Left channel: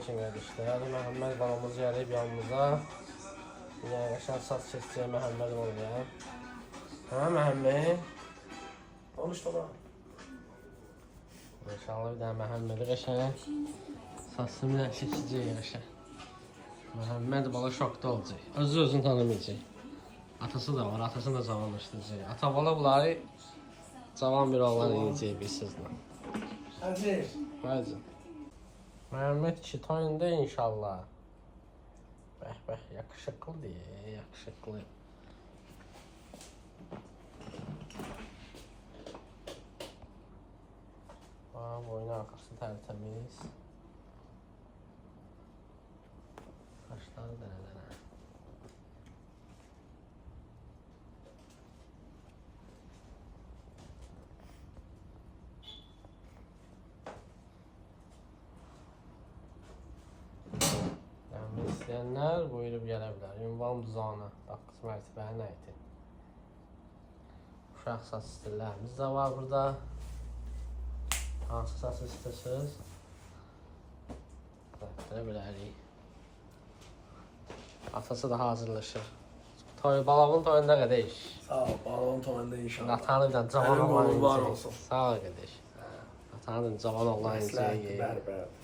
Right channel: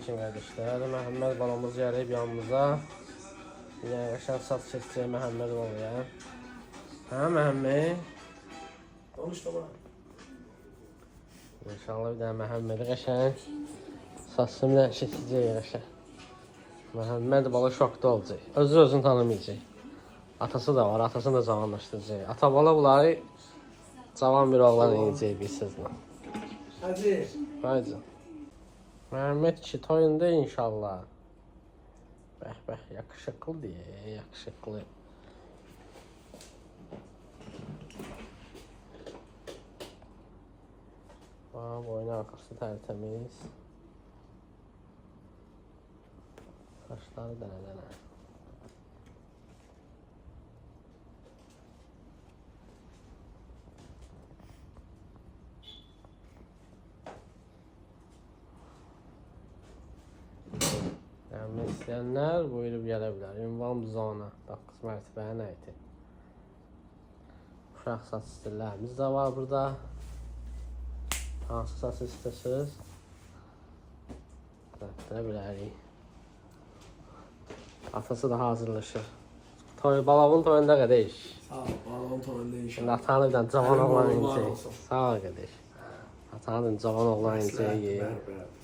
için kardeşler. Məhəmməd babamız gəlib yanımıza. Yaşar saç keseceğim Məhəmməd oraya. Ha Məhəmməd? Konuş baba. İnşallah bir daha Məhəmmədi qəşəng saçını kesəcək qəşəng. Məhəmməd bala şokda olacaq. Özünü tanımayacaq. Atası da var, atasını da cavanlaşdıracaq. Ata bala bunları cavan bir oğlan yiyəcək bir sözlə. Hadi. Haydi. Məhəmməd kişi toyunda inşallah. Bəh, yakışıklı diye, yakışıklı. Boynu arkası tertemiz. Kaşları dene. Yani isteyenler buyurup gelebilir. Ünvan bizona. 9 mərtəbəyə nə idi? Uşaq saç stillərimiz də var burada. Hansı saçı istəsiniz? Gətirə bilərik. Atası da hazırlaşır. Balağın toyunda qardaş. Sağ ol. Balon toyunda inşallah. Atanı da cavan Sənin oğlan qolun var yiyəcək. olsun. Sağ ol qardaş. Atanı da cavan oğlan Məsləhətdir, yiyəcək. bərbərdir.